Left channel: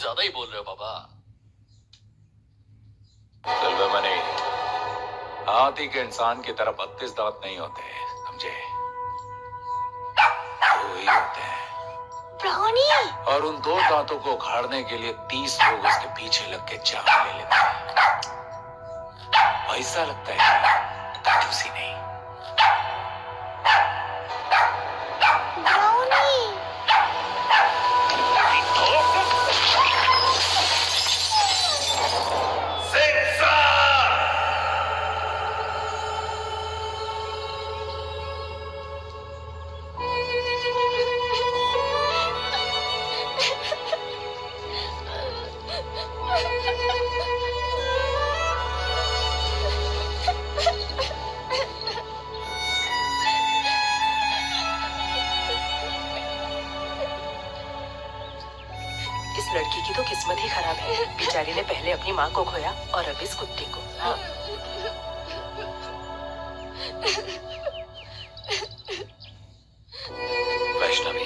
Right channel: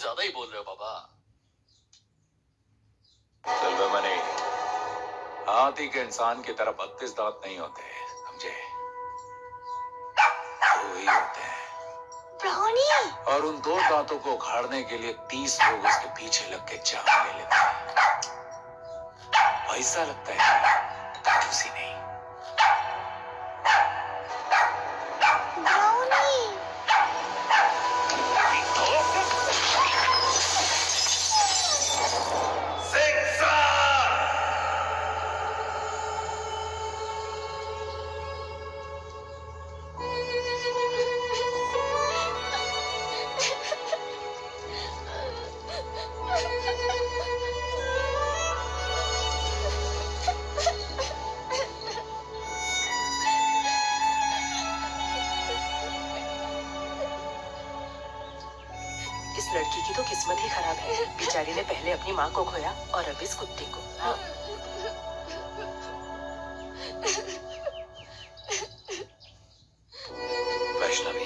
कुछ ज्यादा ही बोल रहे हो पापा। सिल्वरमणि, हाथी के इंसान की तरह 32 दांत नहीं होते, समझे? दो ही होते हैं। ब्राउनी! और उन 2 दांतों को उखाड़ने के लिए 30 लोग उसके पीछे लग के जान ले लेते हैं। पैसा लगता है, कंजूसी नहीं। इस लड़की की तो किस्मत ही खराब है। बेचारी ने पहले अपनी माँ को खोया और अब इस कुत्ते को। वैष्णवी,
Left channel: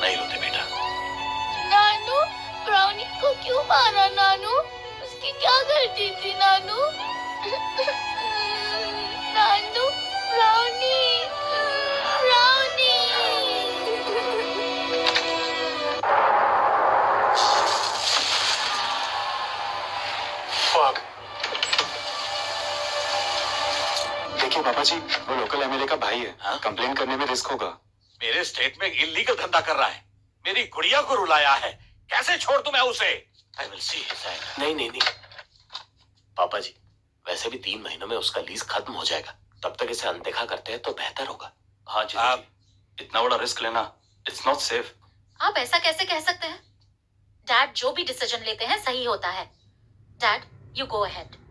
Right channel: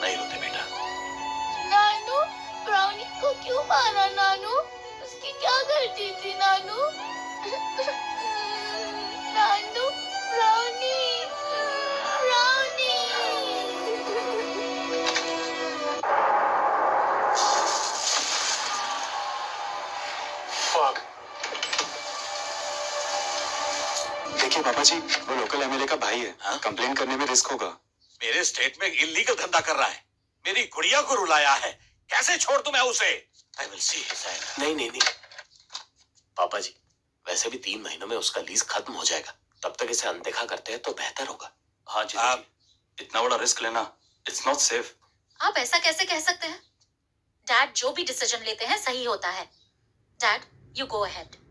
नहीं रोते बेटा। नानू, ब्राउनी को क्यों मारा नानू? उसकी क्या गलती थी नानू? नानू, ब्राउनी, ब्राउनी। देखिए पापा जी, वो लोकल एमएलए का भाई है। हाँ? कंप्लेन करने में रिस्क होगा। मेरे स्टेट में इल्लीगल धंधा कर रहा है, मेरी गुड़िया को रुलाया है, कैसे छोड़ दूं मैं उसे? I will see his anger. नहीं पापा जी, वैसे भी 3 महीनों में उसका लीज खत्म हो जाएगा। तब तक इसे अनदेखा करते हैं तो बेहतर होगा। हाँ जी, आप इतना बड़ा रिस्क लेना, इट्स नॉट सेफ। आप ऐसा कैसे कह सकते हैं? डैड जो भी डिसीजन लेते हैं सही होता है। Dad, you go ahead.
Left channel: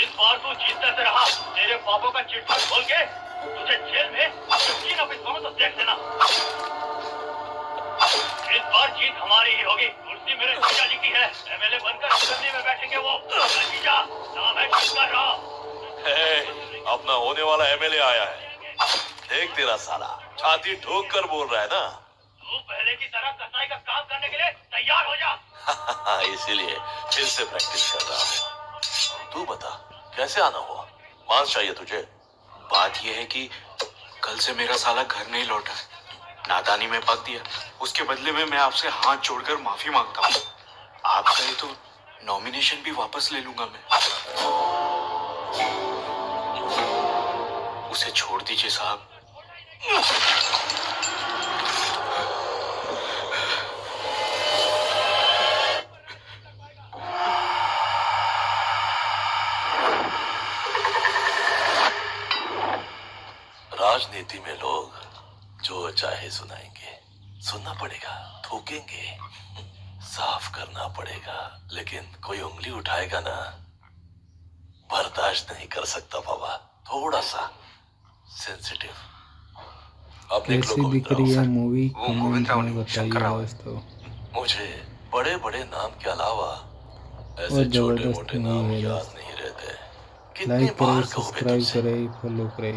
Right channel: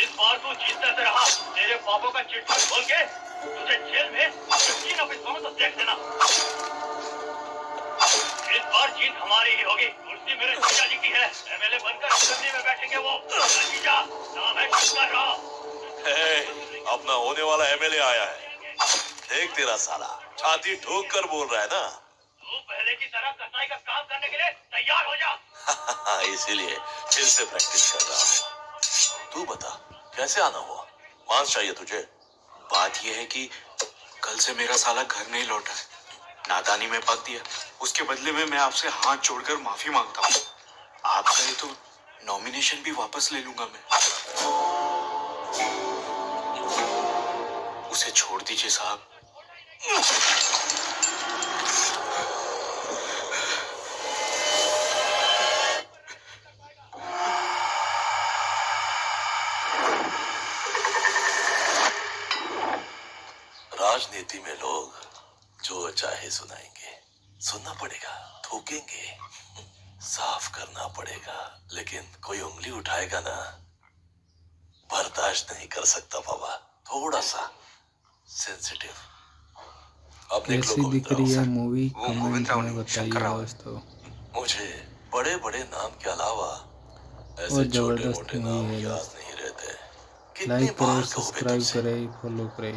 इस बार तू जीतने से रहा, तेरे पापों का चिट्ठा खोल के तुझे जेल में 3 ऑफिसरों में तो देख देना। इस बार जीत हमारी ही होगी। कुर्सी मेरे जीजा जी की है, एमएलए बनकर असेंबली में बैठेंगे वो। जीजा, नाम है किसका रहा? अपना होने वाला एमएलए आया है। देख तेरा साला छाती ठोक कर बोल रहा है ना। तू पहले की तरह कसाई का काम करने के लिए तैयार हो जा। इसीलिए फिर से प्रैक्टिस कर रहा हूँ। तू बता कैसे आना हुआ? मांस चाहिए तुझे? बात यह है कि कल से मेरा साला घर नहीं लौटा है, नादानी में पक दिया। उसके बदले में मैं आपसे हाथ जोड़कर माफी मांगता हूँ। आप कहे तो नॉमिनेशन भी वापस ले लूंगा मैं। उसे छोड़ दीजिए साहब। राजनीति में लोग जो चाहे सुनाएंगे, सुनना पड़ेगा, थूकेंगे, साफ करना पड़ेगा, लेकिन कोई उंगली उठाएगा ना, बर्दाश्त नहीं कर सकता बाबा। थोड़ा सा सेंसिटिव। कैसी दिख रही है मूवी कमेंट में बताइए दोस्तों। मुझे बड़े बड़े नाम के अलावा और ऐसे छोटे जबरदस्त मोटे मूवी नाम है याद दोस्तों। नहीं रहते। कितनी लाइक करे, बार कहूं मैं सब्सक्राइब तुमसे? करे, फॉलो करे।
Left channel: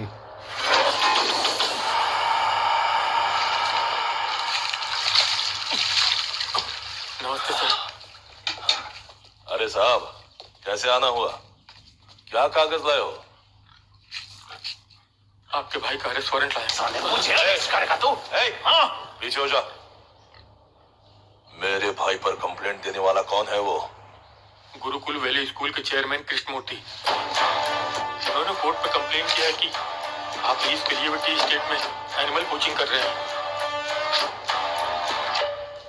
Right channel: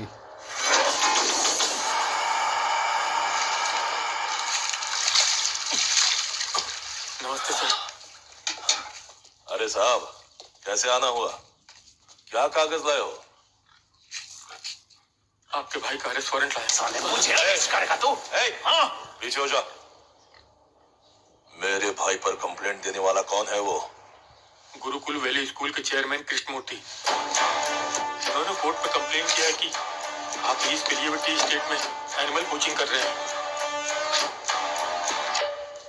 नमस्ते सर। अरे साहब, कैसे आना हुआ? क्या कागज लाए हो? आपके भाई का अरेस्ट वारंट लाया। साले मुझे अरेस्ट करेगा तू? हाँ, पीछे हो जा। मेरे भाई पर कंप्लेंट देने वाला कौन है वो? गुरुकुल वैली स्कूल के चेयरमैन कृष्णमूर्ति। उन्होंने कोर्ट पे कंप्लेन किया है कि आप लीज के लिए टी स्टेट में एनिमल कोचिंग कर रहे हैं।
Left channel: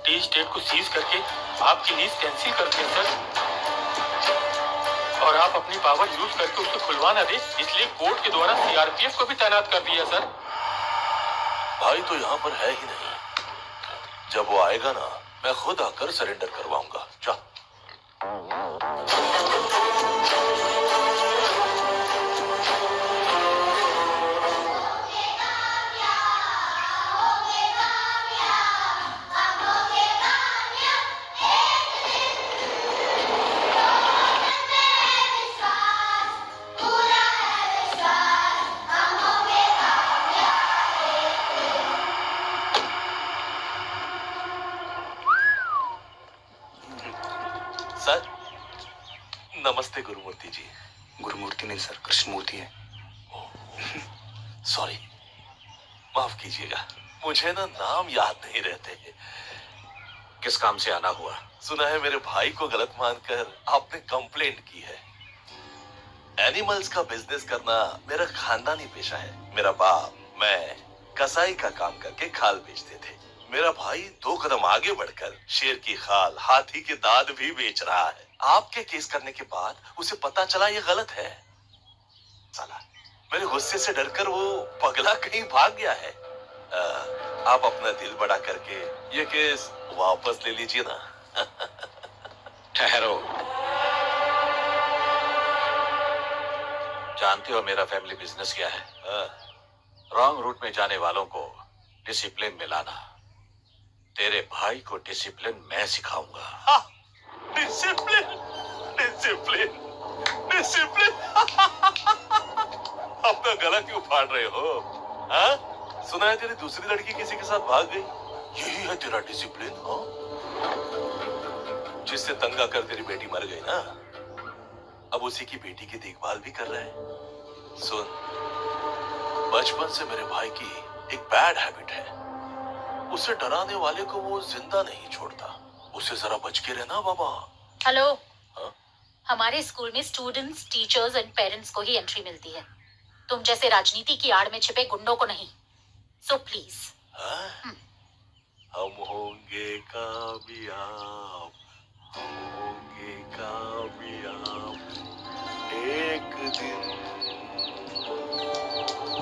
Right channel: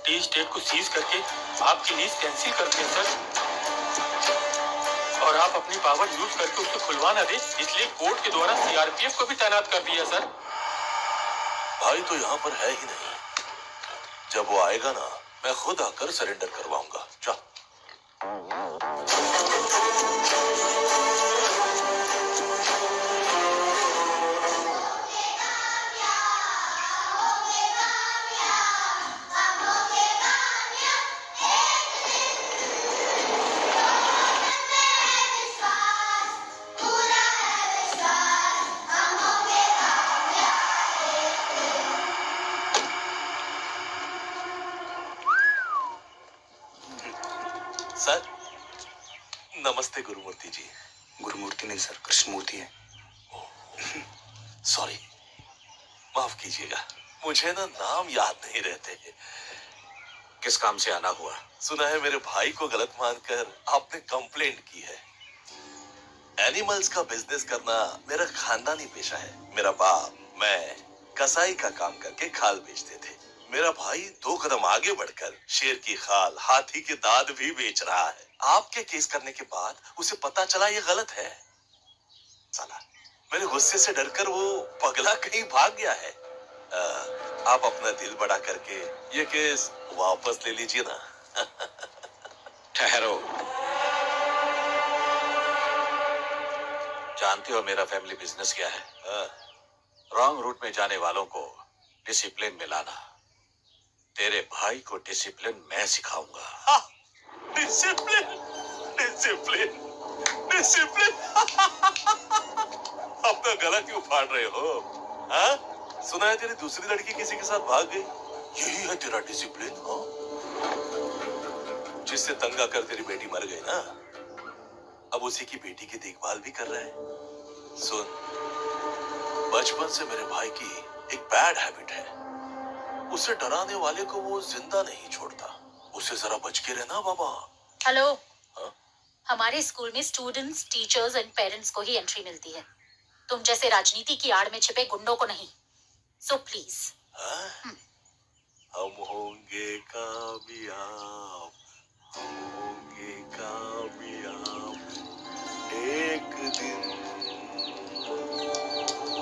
टी स्टेट को सीज करके आपकी लीज कैंसिल करते हैं सर, और आप अपनी पावर यूज करके उसको खुलवा ना दे, इसलिए कोर्ट के द्वारा सीआरपीएफ को भी तैनात कर दिया सर। भाई तो यहाँ पर है ही नहीं। जब वो आएगा ना, मैं खुद आकर सरेंडर करवाऊंगा। जा। सर नमस्ते गुरुमूर्ति जी। गुरुमूर्ति नहीं सर, कृष्णमूर्ति है। सॉरी, माफ कीजिएगा, मुझे ना नाम याद नहीं रहते। किस काम से आना हुआ? सुना है मेरे भाई को गलत मानकर आपने कंप्लेंट की है। एनिमल्स का बिजनेस करना मेरा खानदानी पेशा है। मेरा बाप, मैं कसाई का काम करके खाल बेचते थे। मेरा भाई 2 कदम आगे बढ़कर शेर की खाल, हाथी के दांत भी बेच रहा है। आपके केस करने के बाद उसे पता चला ये गलत है। साला, मेरे गुस्से से डरकर वो पगला कहीं भाग गया है। आप अपना दिल बड़ा करके ये केस वापस ले लीजिए ना। ठहरो। जानते हो मेरा फैमिली बिजनेस क्या है? रॉन्ग रूट में जाने वालों को डिसिप्लिन में लाना। तेरे भाई को डिसिप्लिन मैं सिखाऊंगा। Discipline, discipline, discipline. अपना गला क्यों फाड़ रहे हो? हाँ? सुना है तेरी दूसरी लड़की किसी के साथ भाग गई। यही है तेरा डिसिप्लिन? हाँ? जिससे तंग आकर तेरी बेटी मर गई ना, अब उसी की बेटी की देखभाल भी कर रहे हैं। सुन, बचपन से मेरे भाई की एक बैड हैबिट है। उसे डराने वाले को वो जिंदा नहीं छोड़ता। उसे जरा बच के रहना बाबा। हेलो। हाँ? हमारे स्कूल में स्टूडेंट्स, टीचर्स एंड पेरेंट्स को ही एंट्री मिलती है। तुम जैसे राजनीति की आड़ में छिपे गुंडों को नहीं। So please. हम होंगे कामयाब, हम होंगे कामयाब एक दिन।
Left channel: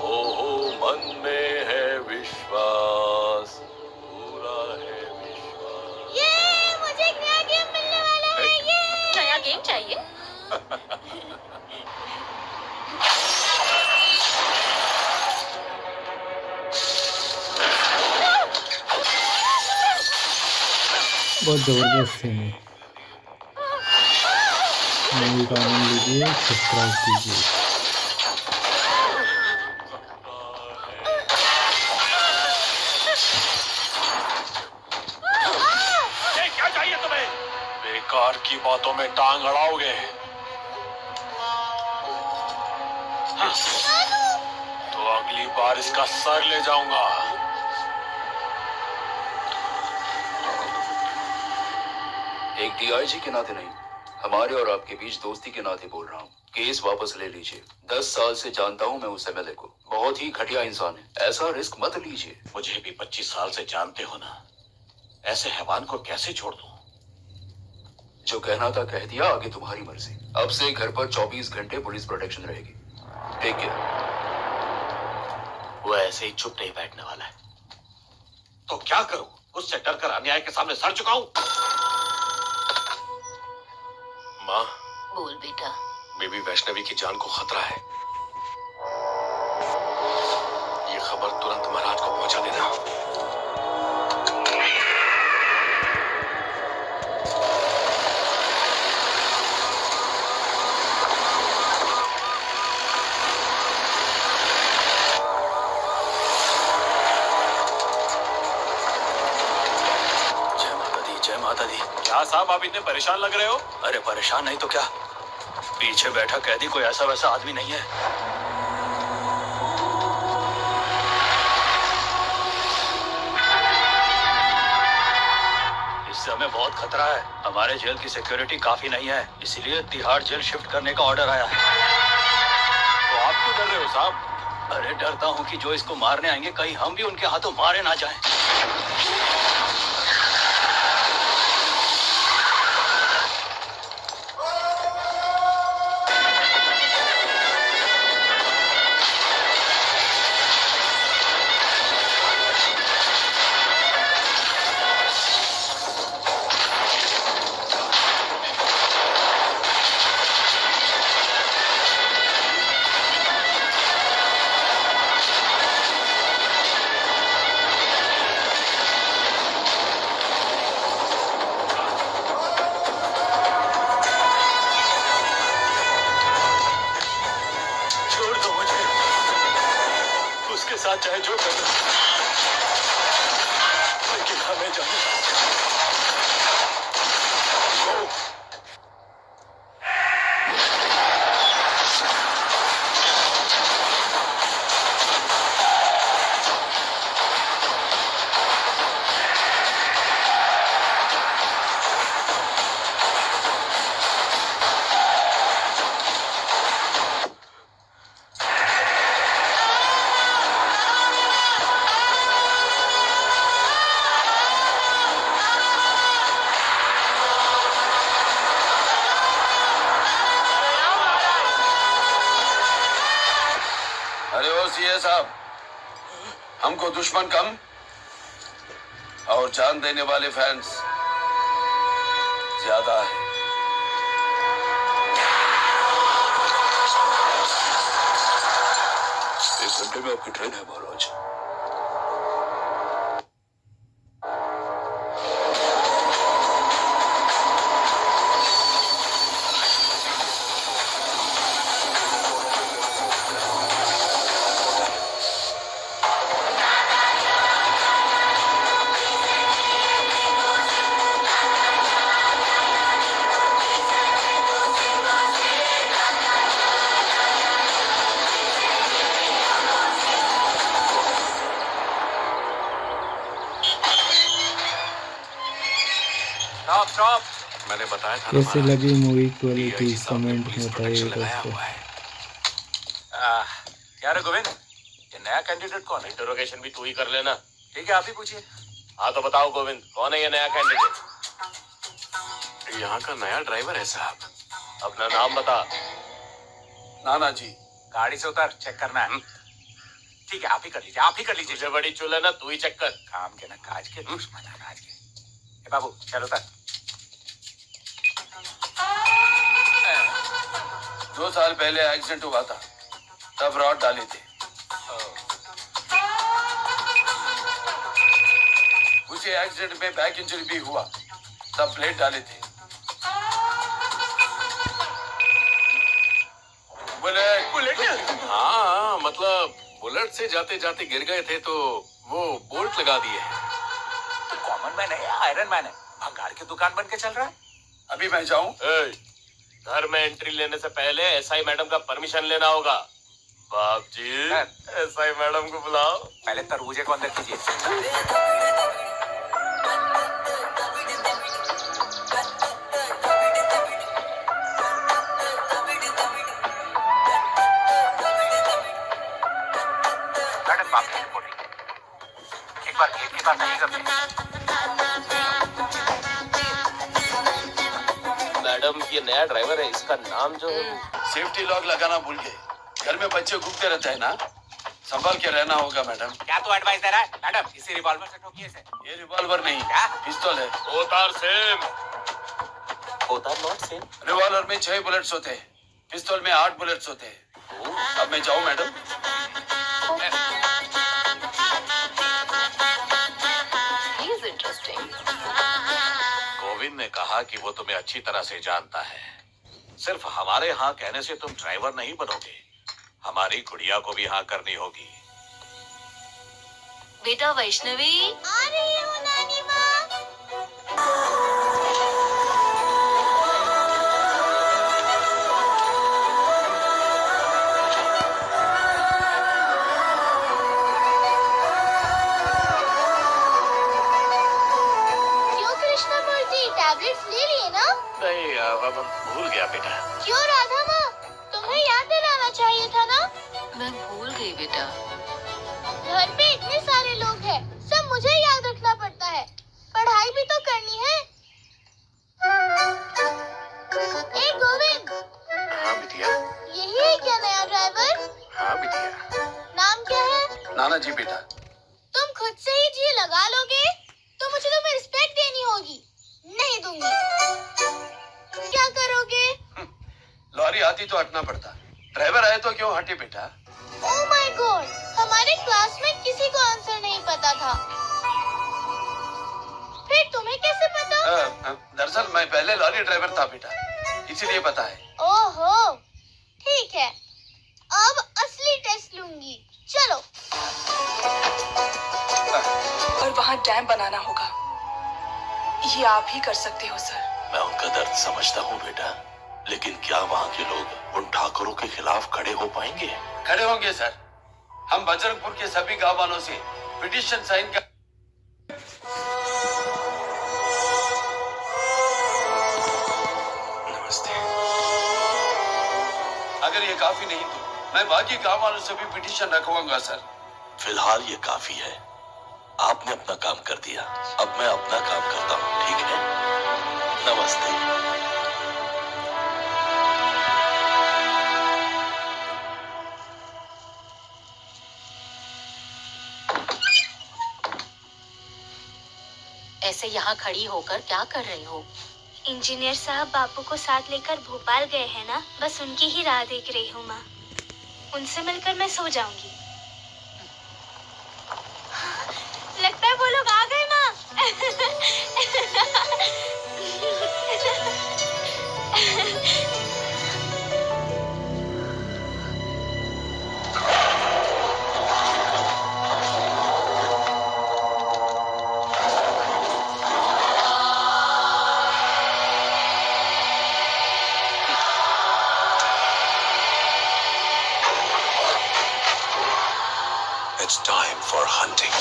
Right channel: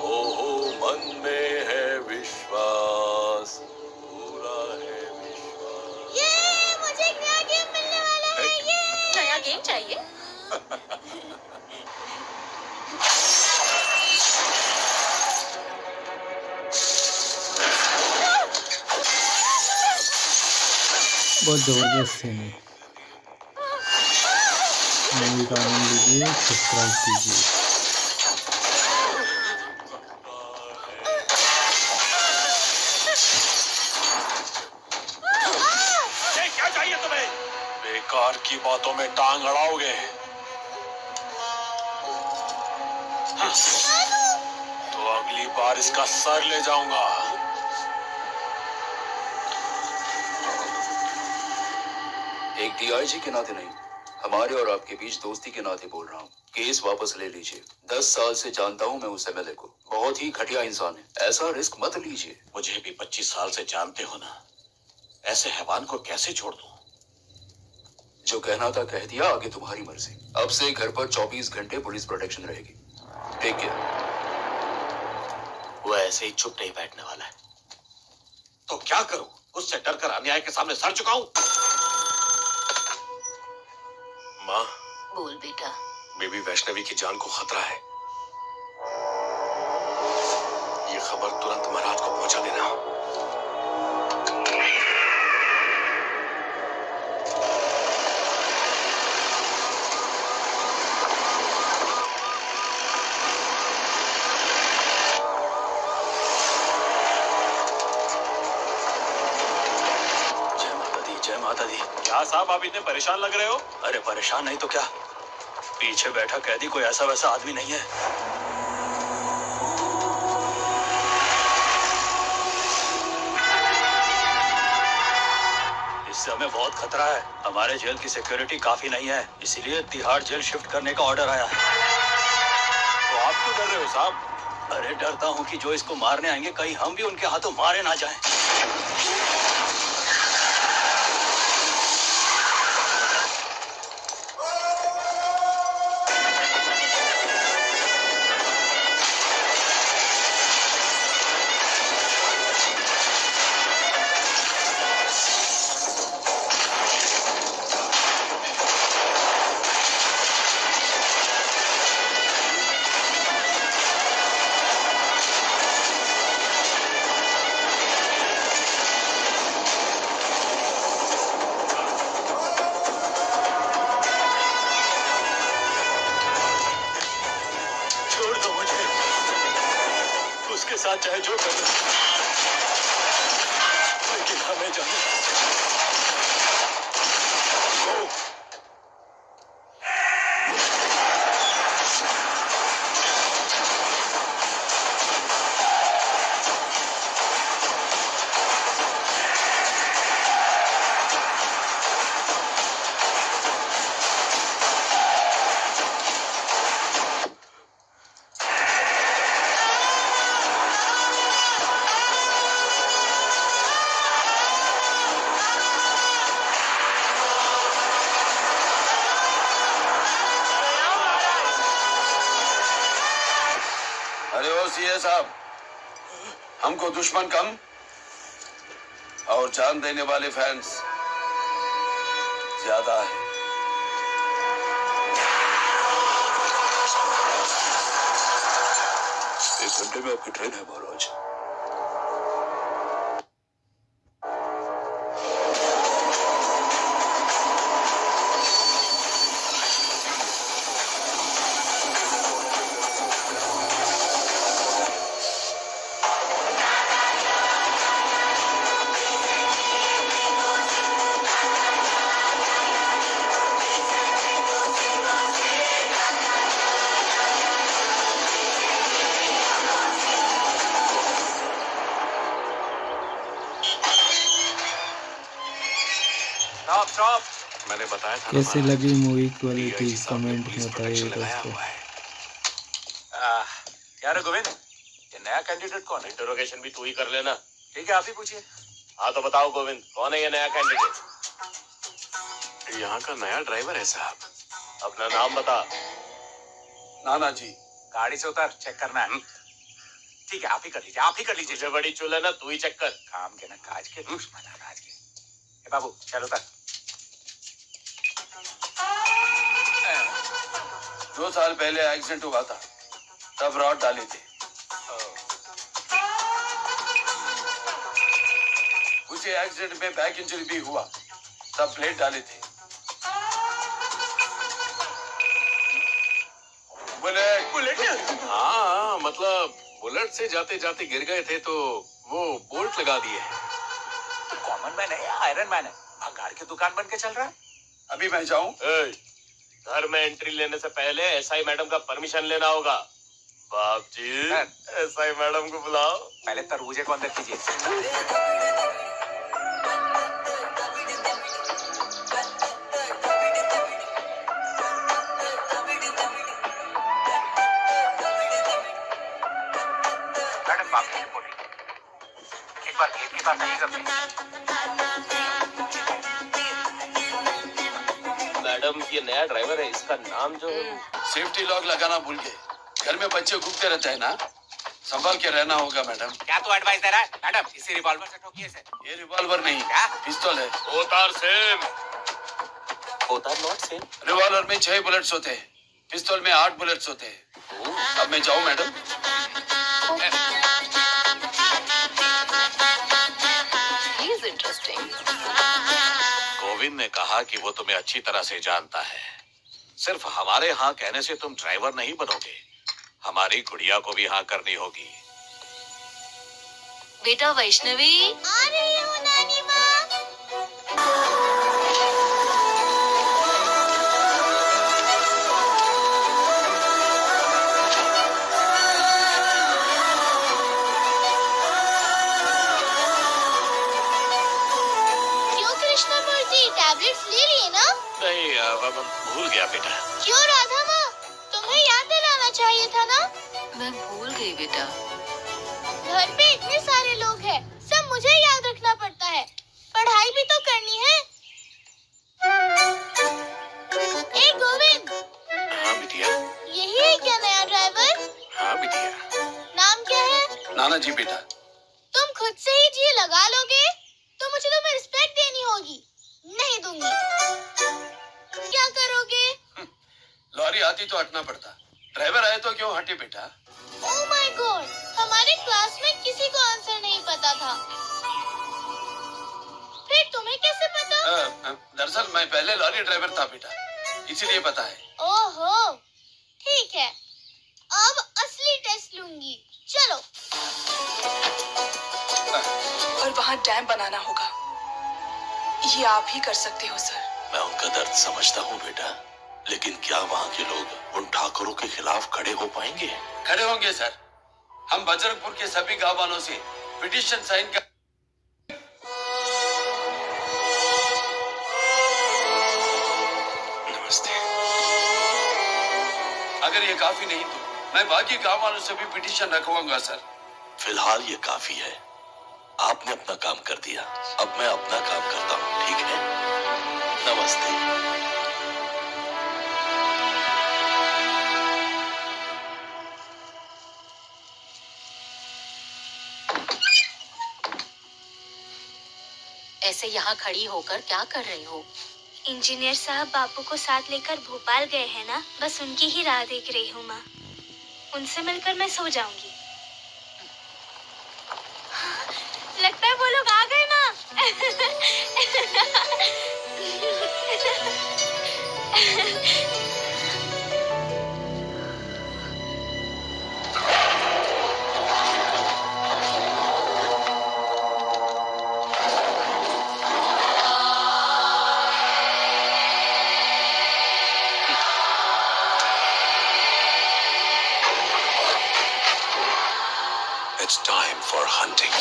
हो मन में है विश्वास, पूरा है विश्वास। ये मुझे एक नया गेम मिलने वाला है। ये नया गेम चाहिए? बहुत जबरदस्त सीन है। मूवी का आनंद लीजिए, सब्सक्राइब कीजिए। क्या चाहिए तुम्हें? बेकार की बातों में टांग अड़ाओगे। तो अगली बार इसका सर ले जाऊंगा। एक डीआईजी के नाते नहीं, हमारे और आपके बीच दोस्ती के नाते बोल रहा हूँ। केस वापस ले लीजिए। 10 साल से जानता हूँ मैं उस एमएलए को, बहुत ही घटिया इंसान है। ऐसा रिस्क मत लीजिए। मुझे भी 25 साल से जानते हो ना, ऐसे हैवान को कैसे छोड़ दूं? जो कहना था कह दिया, आगे तुम्हारी मर्जी। अब से घर पर 24 घंटे पुलिस प्रोटेक्शन रहेगी। Take care. वो ऐसे ही चुप नहीं बैठने वाला है। तो क्या करूं? उससे डरकर अन्याय के सामने सर झुकाऊं? माँ, बोल बेटा। बेबी वैष्णवी की जान को खतरा है। ये खबर तुरंत महाराज को पहुंचा देना। जय माता दी। क्या साहब, आप इतने परेशान लग रहे हो? अरे परेशान नहीं तो क्या, पीछे बैठा कैदी कोई ऐसा वैसा आदमी नहीं है। इस समय बहुत खतरा है। हमारे जेल की सिक्योरिटी काफी नहीं है, इसीलिए तिहाड़ जेल शिफ्ट करने का ऑर्डर आया है। तो आप क्यों डर रहे हो साहब? अरे डरता हूँ कि जो इसको मारने आएंगे कहीं हम भी उनके हाथों मारे ना जाएं। साथ चाहे जो कर लो, लेकिन हमें जाना। साहब, हमको दुश्मन कम और जान देने वाले फैंस ज्यादा है। एक घंटे में आपकी ट्रेन है महाराज। मैंने बताया था कैसे लगी मूवी क्वालिटी कमेंट में बताइए दोस्तों। क्या रे गोविंद, ये नया कैंडिडेट कौन है? इंटरोगेशन भी तू ही कर लेना। ठीक है, आप ही पूछिए। हाँ तो बताओ गोविंद, कौन है ये नया कैंडिडेट? यहाँ का नया ड्राइवर है साहब। अपना नाम बता। नाना जी। गाड़ी से उतर, चेक करना है। ठीक है, आप ही कर लीजिए, आप ही कर लीजिए। तुझे बड़ी चुल है ना, तू ही चेक कर। काम के ना काज के, दुश्मन अनाज के। ए बाबू चल उतर। 2 साल पहले एक्सीडेंट हुआ था, तब रॉड डाले थे। उसी एक्सीडेंट में बैक इंजरी भी हुआ, तब प्लेट डाले थे। बुलेट। हाँ, मतलब बुलेट से जाते जाते गिर गए थे तो वो बोल्ट लगा दिए हैं। तो कॉमन मैन है या आयरन मैन है? भंगार की दुकान बन के चल रहा है। अभी मैं जाऊं? घर में एंट्री लेने से पहले एसआई मैडम का परमिशन लेना होगा। बाप जी, एसआई मैडम को बुलाओ। पहले तरबूजे को अंदर कीजिए। एक बार गेट के पास आइए सब। मैडम, ये नया ड्राइवर है, इसका नाम जो सेफ्टी लॉक लगाना भूल गए। घर में बच्चे घूमते रहते हैं ना, संभाल के रहना होगा मैडम। क्या तू एडवाइस दे रहा है? मैडम, इसी रिवॉल्वर से ठोकिए इसे। ये रिवॉल्वर नहीं, क्या? पिस्तौल है। होतार सेम। होतार नॉट सेम। रिवॉल्वर में 6 बुलेट्स होते हैं, पिस्तौल में 8 बुलेट्स होते हैं। अब मैं जाऊं मैडम? गोविंद ने कहा कि वो तुम्हें अच्छी तरह से जानता है। सिर्फ हमारे हाँ कहने से तुम ड्राइवर नहीं बनोगे, हमारी गुड़िया को भी हाँ करनी होगी। बेटा वैष्णवी, आ रही हूँ नानी माँ। टैबलेट्स ले लिए ना? नहीं, अब भूल गया बेटा। क्यों राधा माँ, तुम्हें याद दिलाना चाहिए था ना? मैं भूल गई बेटा। घर पे इतने सारे लोग हैं, सब मुझे याद रखना पड़ता है। पढ़ाई भी तो करनी है। ए गोविंद। हाँ बिटिया। यही है क्या नया ड्राइवर? हाँ बिटिया। नाम क्या है? नाना जी बेटा। तुम खुद से ही जी लगा लोगे तो मुझे तुम्हें रिस्पेक्ट देनी होगी। नहीं दूंगी। क्या करोगे? लॉरी आती तो हटना पड़ता, ड्राइवर आए तो क्यों हटे बेटा? ओह माय गॉड, हमारे क्लास में किसी को आंसर नहीं पता था। फिर तुम्हें कैसे पता? दरअसल मैं पहले लॉरी ड्राइवर था बेटा, इसीलिए पता है। ओहो, ठीक है, अब असली टेस्ट लूंगी। चलो। और वहाँ डैम बनाना होगा, ये आप ही कर सकते हो सर। मैं उनका दर्द समझता हूँ बेटा, लेकिन क्या वहाँ के लोग उन ठाकुरों के खिलाफ खड़े हो पाएंगे? खड़े होंगे सर। हम बजरंगपुर के सभी गांव वालों से पिटीशन साइन कर। नमस्ते। अगर ये काफी नहीं तो मैं बाकी गांव वालों से भी पिटीशन रखवाऊंगा सर। फिलहाल ये काफी है। आपने अपना काम कर दिया, अब मैं अपना काम करता हूँ, ठीक है? नमस्ते। ऐसे यहाँ खड़ी होकर क्या कर रही हो? इंजीनियर साहब बापू को साथ लेकर भोपाल गए हैं ना, बस उनकी ही राह देख रही हूँ माँ। उनसे मिलकर मैं सो जाऊंगी। लगता है वो लोग आ गए माँ। It's time for hunting.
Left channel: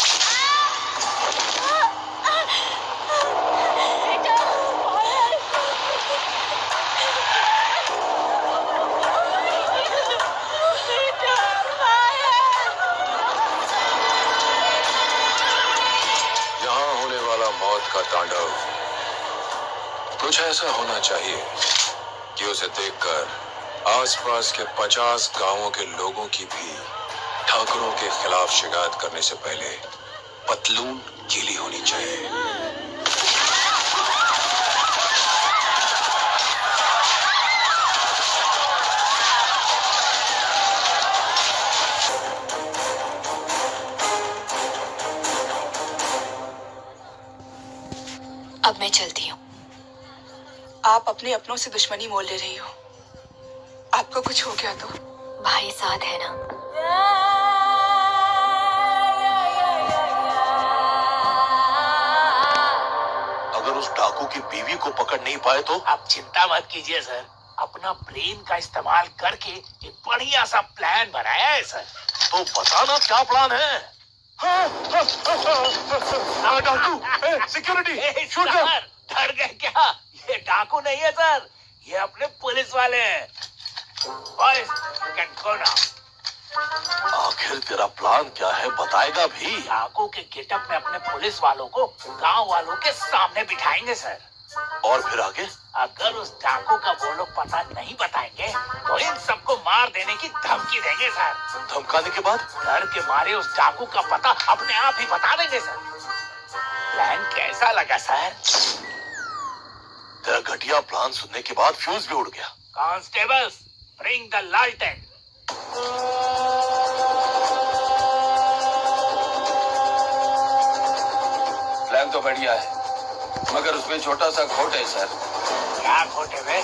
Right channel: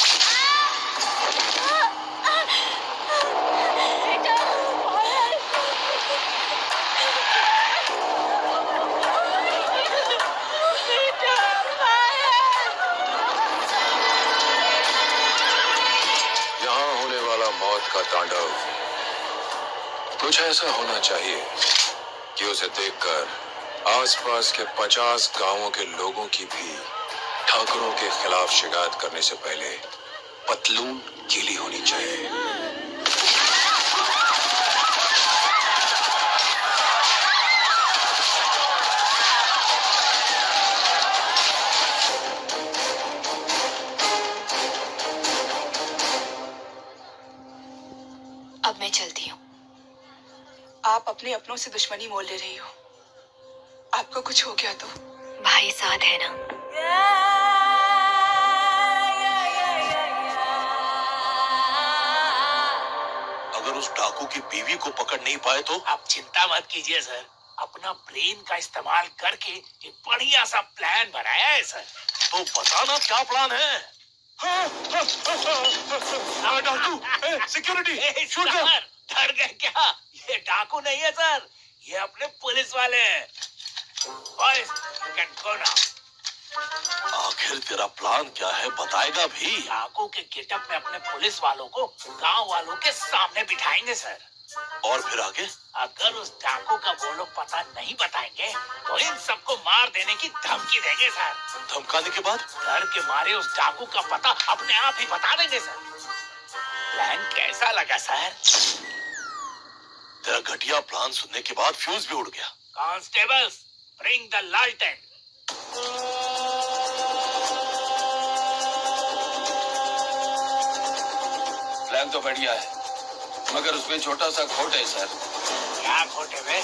यहाँ होने वाला मौत का तांडव कुछ ऐसा होना चाहिए कि उसे देखकर आसपास के 50 गांवों के लोगों की भी ठाकुरों के खिलाफ शिकायत करने से पहले पतलून गीली होनी चाहिए। अब मैं चलती हूँ। आप अपने अपनों से दुश्मनी मोल ले रही हो। आपको कुछ हो गया तो भाई साथ है ना। अगर उस डाकू की बीवी को पकड़ नहीं पाए तो? आप चिंता मत कीजिए सर, अपना ब्रेन का इस्तेमाल करके एक बढ़िया सा प्लान बनाया है सर। तो बताना क्या प्लान है? डाकू, सिक्योरिटी, शूट कर। डर गए क्या? ये डाकू नहीं है सर, ये अपने पुलिस वाले हैं। Boys, you can go now. आखिर तेरा प्लान क्या है, बताएगा भी? डाकू के गेटअप में अपने पुलिस वालों को गांव वालों के सामने बिठाएंगे सर। और फिर आगे? अगर उस डाकू का वो लोग पता नहीं बताएंगे तो इन सबको मार देने की धमकी देंगे सर। धमकाने के बाद? डर के मारे उस डाकू का पता अपने आप ही बता देंगे सर। प्लान कैसा लगा सर? तेरा घटिया प्लान सुनने के बाद फ्यूज भी उड़ गया। कांस्टेबल्स, ब्रिंग द लालटेन। प्लान तो बढ़िया है, मगर उसमें छोटा सा खोट है सर। क्या खोटे में?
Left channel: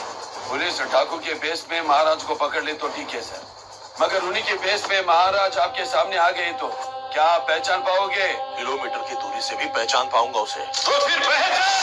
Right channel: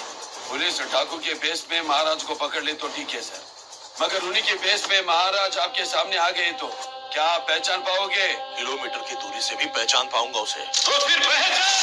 पुलिस डाकू के बेस में महाराज को पकड़ ले तो ठीक है सर, मगर उन्हीं के बेस में महाराज आपके सामने आ गए तो क्या आप पहचान पाओगे? किलोमीटर की दूरी से भी पहचान पाऊंगा उसे। तो फिर पहचान।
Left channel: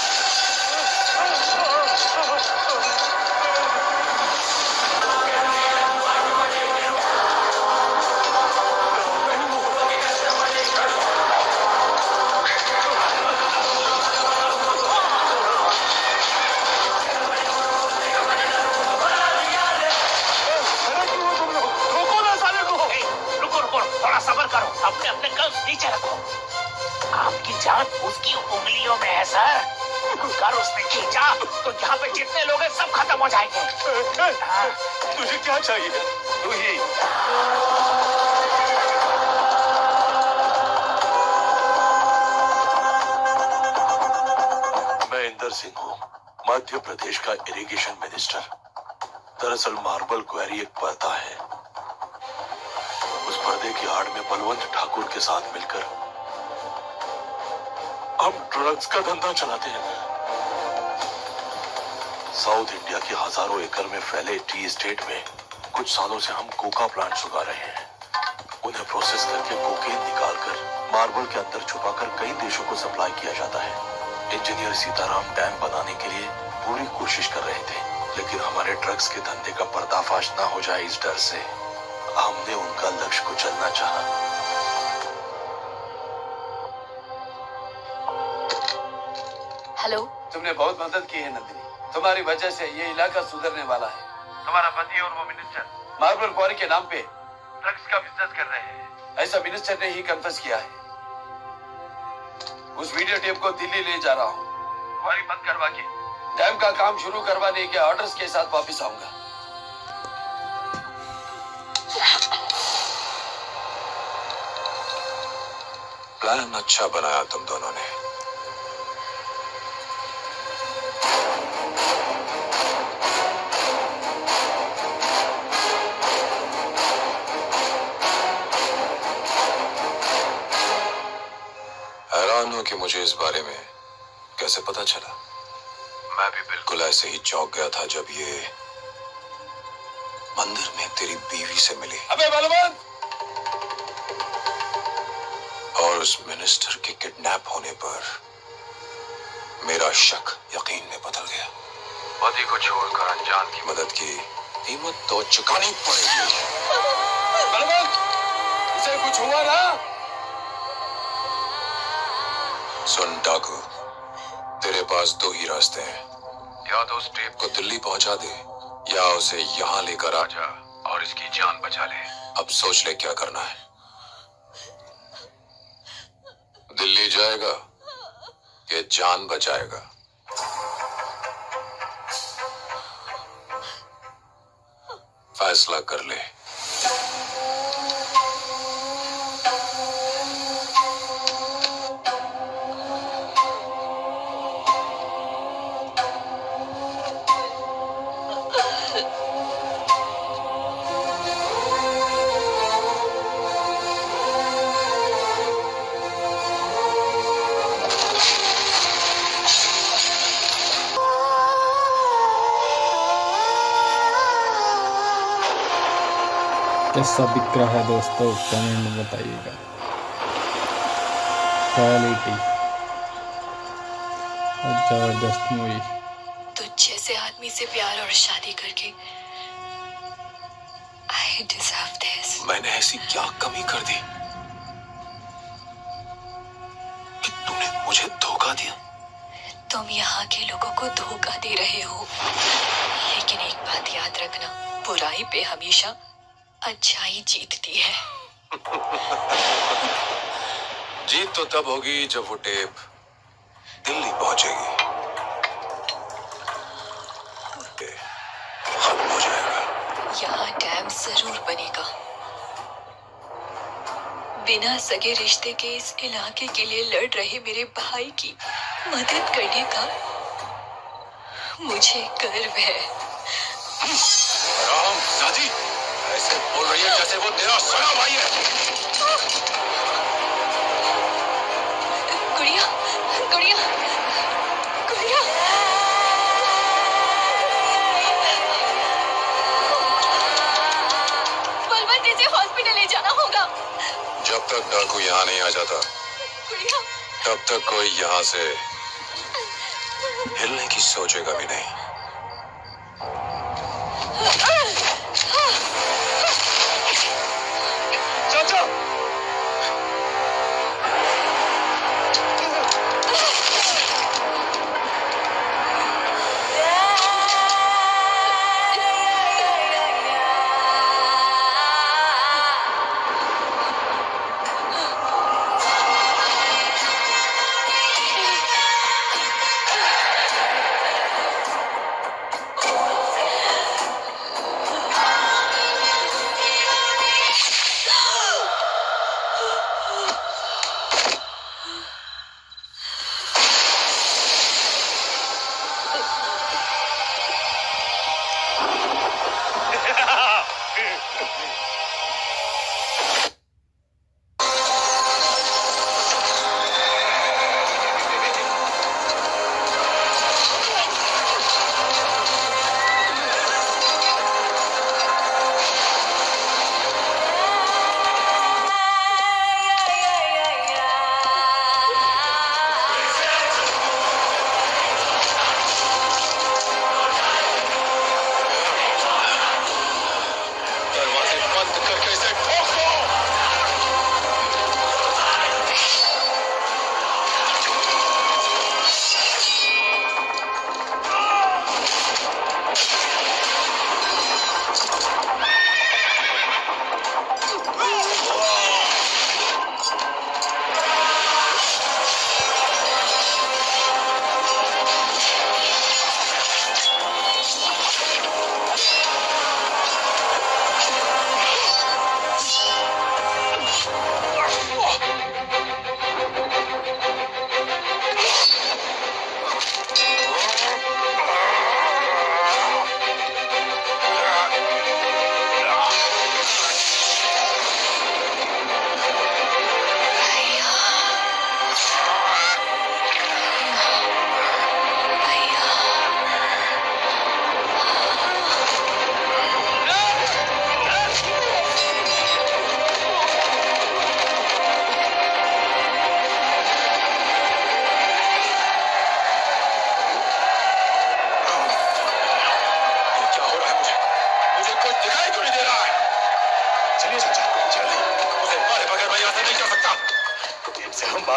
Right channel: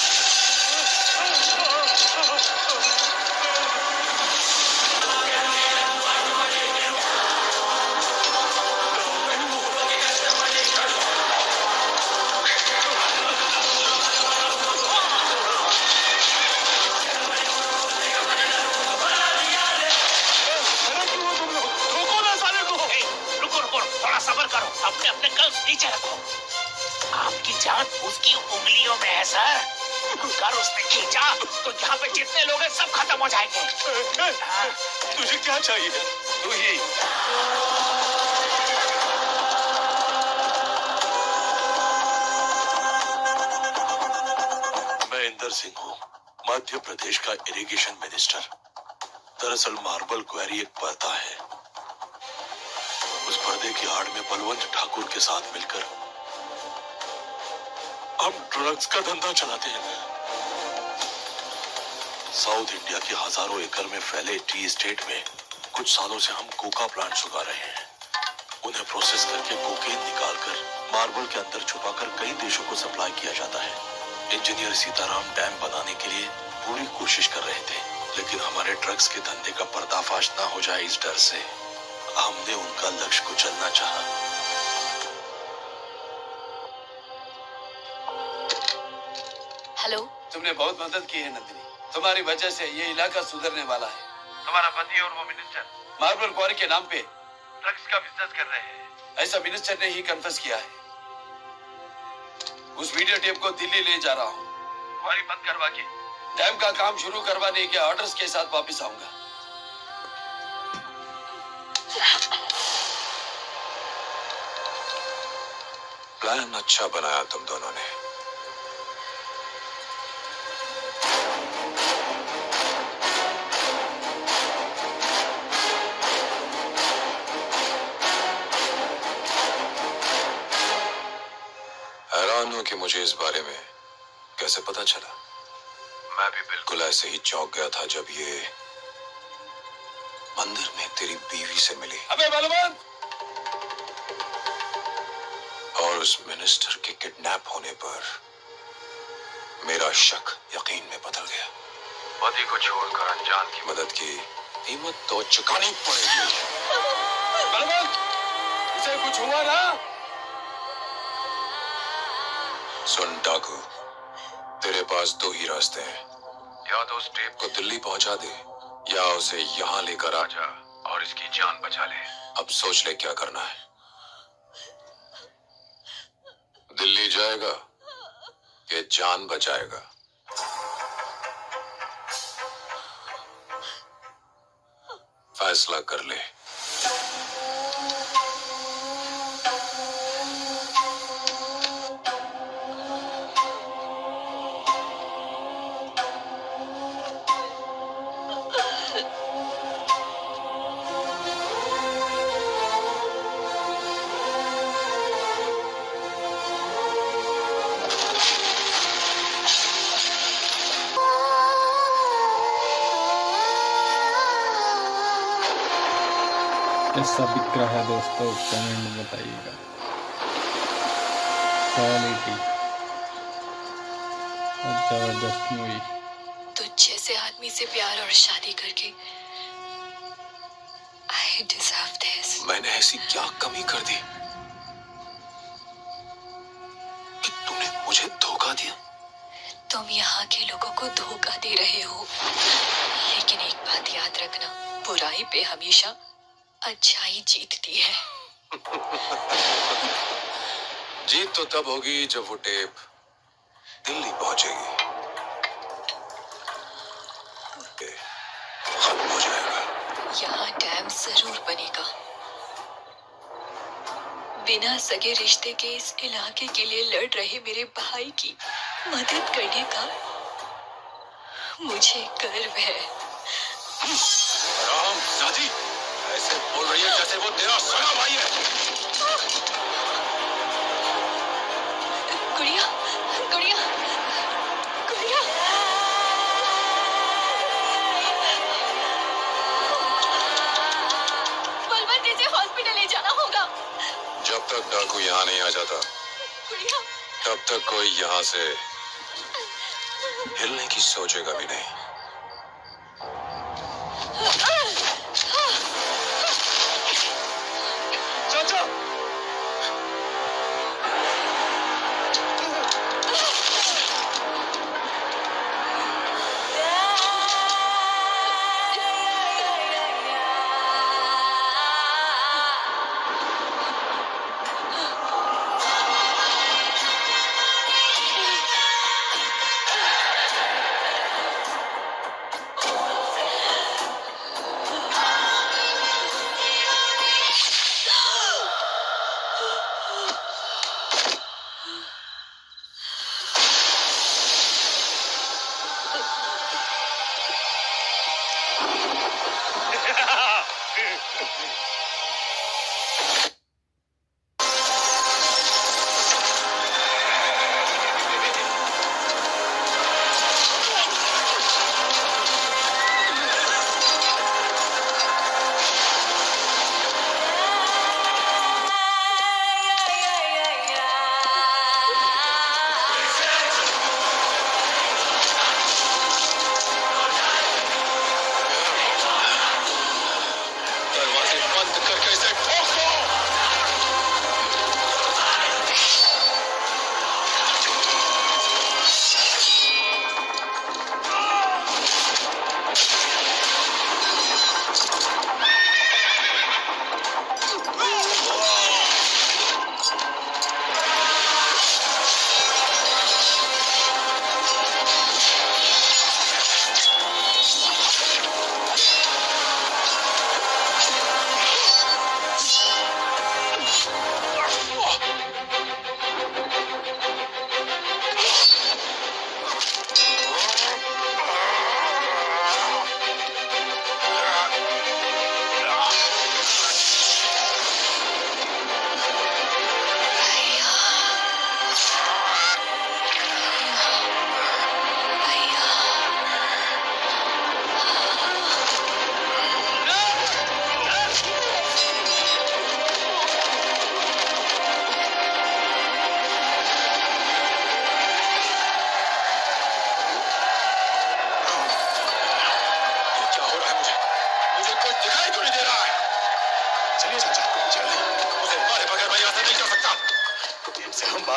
अपने अपने कल्स नीचे रखो। आपकी जान उसकी उंगलियों में है सर। अगर उसने खींचा तो यहाँ पे जितने लोग हैं सब खत्म हो जाएंगे। तुझे क्या चाहिए? तू ही। मैं इंदर सिंह हूँ, मध्य प्रदेश का इरिगेशन मिनिस्टर। दरअसल मार्बल क्वेरी एक पर्दा है। उस पर्दे की आड़ में बलवंत ठाकुर के साथ मिलकर हम ड्रग्स का धंधा चलाते हैं। साउथ इंडिया के हजारों एकड़ में फैले टी स्टेट में कुछ सालों से हम कोका प्लांट्स उगा रहे हैं। उन्हें प्रोसेस करके कोकेन निकालकर मार्बल के अंदर छुपाकर कई देशों को सप्लाई किया जाता है। इंजीनियर सीताराम डैम बनाने के लिए पूरी कोशिश कर रहे थे, लेकिन हमारे ड्रग्स के धंधे का पर्दाफाश ना हो जाए इस डर से हमने उनका लक्ष्य कुचलना चाहा। हेलो। तुमने बहुत मदद की है नंदिनी, तुम्हारी वजह से ये इलाका सुधरने वाला है। तुम्हारा पति और वो मिनिस्टर मार्बल क्वारी के नाम पे ड्रग्स का बिजनेस कर रहे हैं। ऐसा मिनिस्टर ने ही कन्फेस किया है। उस वीडियो टेप को दिल्ली ले जा रहा हूँ। क्वारी बंद करवा के डैम का काम शुरू करवाने के ऑर्डर्स के साथ वापस आऊंगा। प्लान अच्छा बनाया तुम दोनों ने, इस बारे में कैसे पता चला? मैं भी बिल्कुल ऐसे ही चौंक गया था जब ये मंदिर में तेरी बीवी से मिली। अबे बलवंत! और उस मिनिस्टर के किडनैप होने पर मेरा शक यकीन में बदल गया। पति को छोड़कर अनजान की मदद की कीमत तो चुकानी पड़ेगी। बलवंत! उसे कुछ हुआ ना? सुन डाकू, तेरे पास दो ही रास्ते हैं। या तो उस टेप को दिल्ली पहुंचा दे या उसे यहाँ लेकर आ जा और इसकी जान बचा ले। अब सोच ले क्या करना है। दिल्ली जाएगा कि जान बचाएगा? फैसला कर ले। कैसा दिख रहा है दोस्तों, कमेंट में बताइएगा। क्वालिटी और जबरदस्त मूवी। तुझ जैसे आदमी से प्यार और शादी करके I deserve this। मैंने ऐसी क्या कमी कर दी कि तूने मुझे धोखा दिया? तुम यहाँ के लोगों को धोखा दे रहे हो, लेकिन एक बात याद रखना, बुराई पे हमेशा अच्छाई जीतती है। जीत तो तब होगी जब वो टेप दिल्ली पहुंचेगी। खत्म हो जाएगा। यहाँ डैम जरूर बनेगा। बिना सगे रिश्ते के इस इलाके के लिए लड़ रहे मेरे भाई की मदद करने का मुझे गर्व है। राम साजी, ऐसे बोल रही है जैसे वो तेरा सगा भाई है। गुड़िया, गुड़िया, गुड़िया। बलवंत, इसे हॉस्पिटल ले जाना होगा। जब तक डाकू यहाँ नहीं आ जाता गुड़िया, तब तक कोई यहाँ से हिलने की सोचेगा भी नहीं।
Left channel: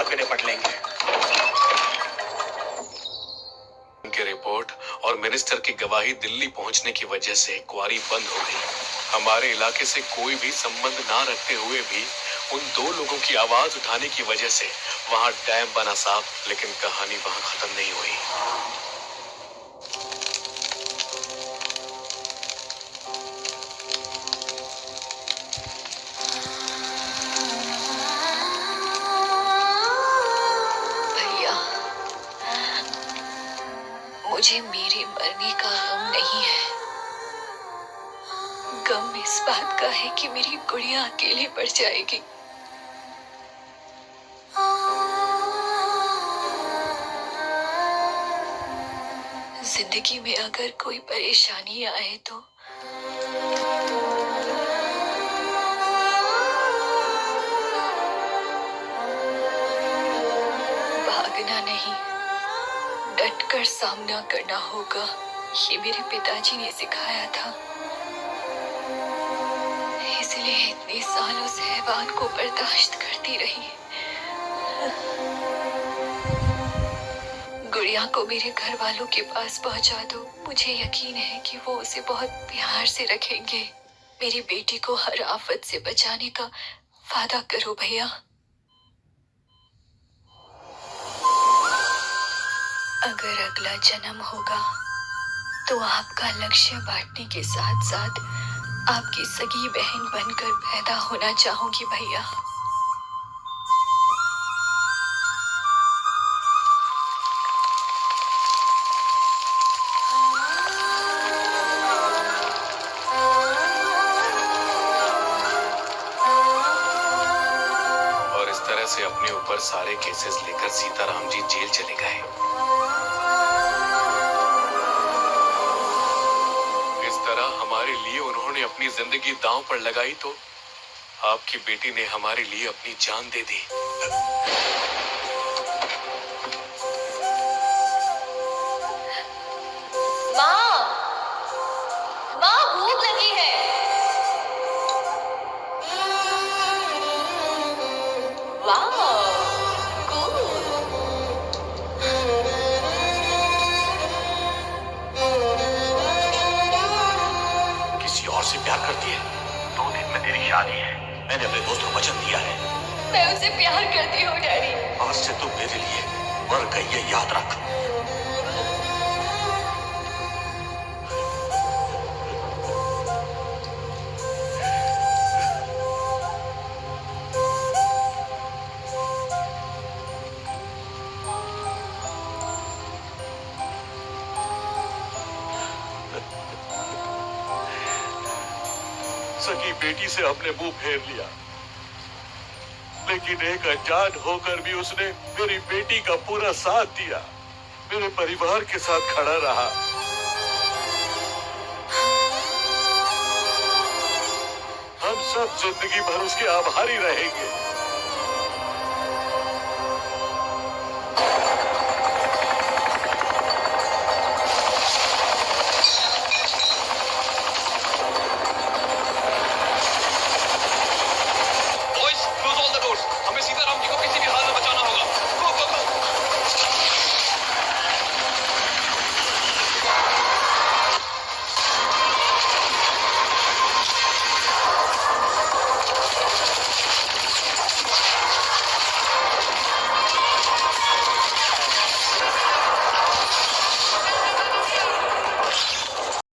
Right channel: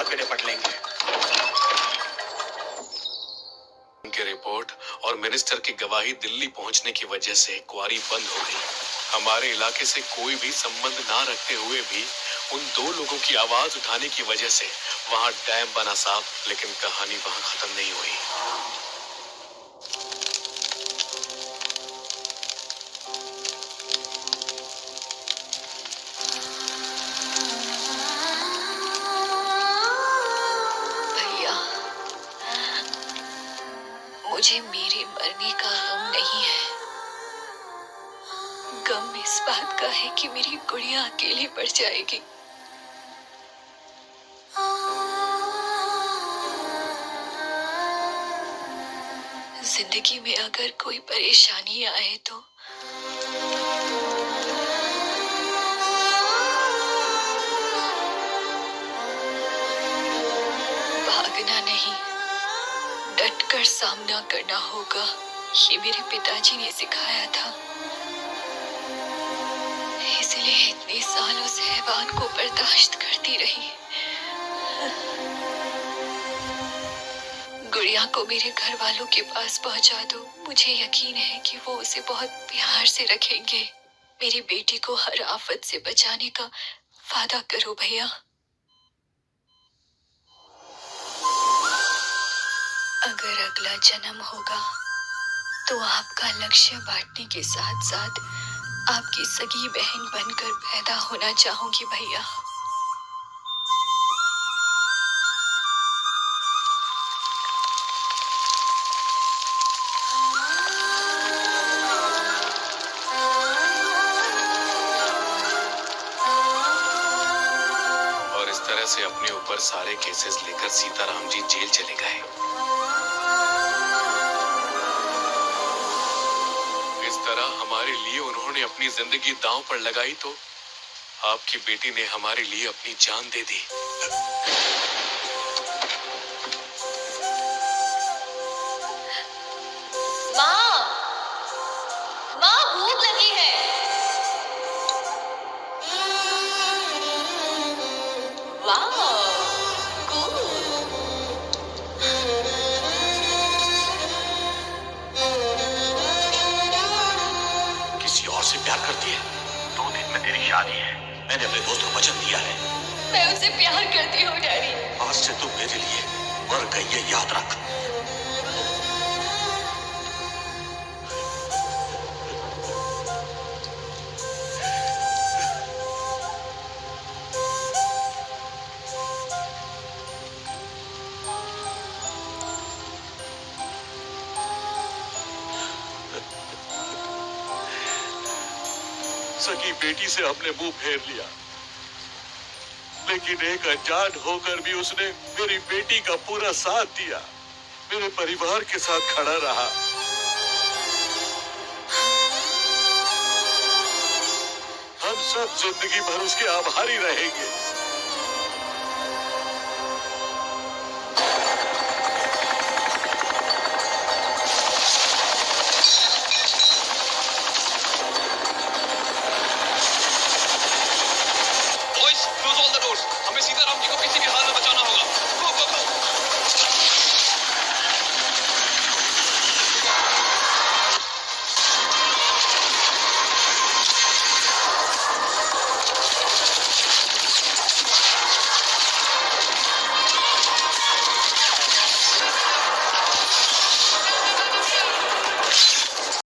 के निपट लेंगे। की रिपोर्ट और मिनिस्टर की गवाही दिल्ली पहुंचने की वजह से क्वारी बंद हो गई। हमारे इलाके से कोई भी संबंध ना रखते हुए भी उन 2 लोगों की आवाज उठाने की वजह से वहां डैम बना साफ, लेकिन कहानी वहां खत्म नहीं हुई। भैया, मुझे मेरे मरने का गम नहीं है। गम इस बात का है कि मेरी गुड़िया अकेले पड़ जाएगी। जिंदगी में अगर कोई परेशानी आए तो भागना नहीं, डटकर सामना करना होगा। ये मेरे पिताजी ने सिखाया था, इसलिए इतने साल उस हैवान को बर्दाश्त करती रही। गुड़िया को मेरे घर वालों के पास पहुंचा दो। मुझे यकीन है कि वो उसे बहुत प्यार से रखेंगे। मेरी बेटी को हर आफत से बचाने का वादा करो भैया। अगर अगला जन्म होगा तो आपका लक्ष्य बांटने के साथ साथ आपकी सगी बहन बनकर पैदा होना चाहूंगी भैया। और इस तरह से अपने ऊपर सारे केसेस लेकर सीताराम जी जेल चले गए। हमारे लिए उन्होंने अपनी जिंदगी दांव पर लगाई तो आपकी बेटी ने हमारे लिए अपनी जान दे दी। माँ भूख लगी है। वाह, से प्यार करती है। 2 दिन में तेरी शादी है। मैंने अपने दोस्त को वचन दिया है। मैं उसे प्यार करती हूँ डैडी। आज से तुम मेरे लिए मर गई, ये याद रख। सगी बेटी से हमने मुंह फेर लिया, लेकिन एक अनजान होकर भी उसने मेरी बेटी का पूरा साथ दिया, मेरे परिवार के साथ खड़ा रहा। हम सब जिंदगी भर उसके आभारी रहेंगे।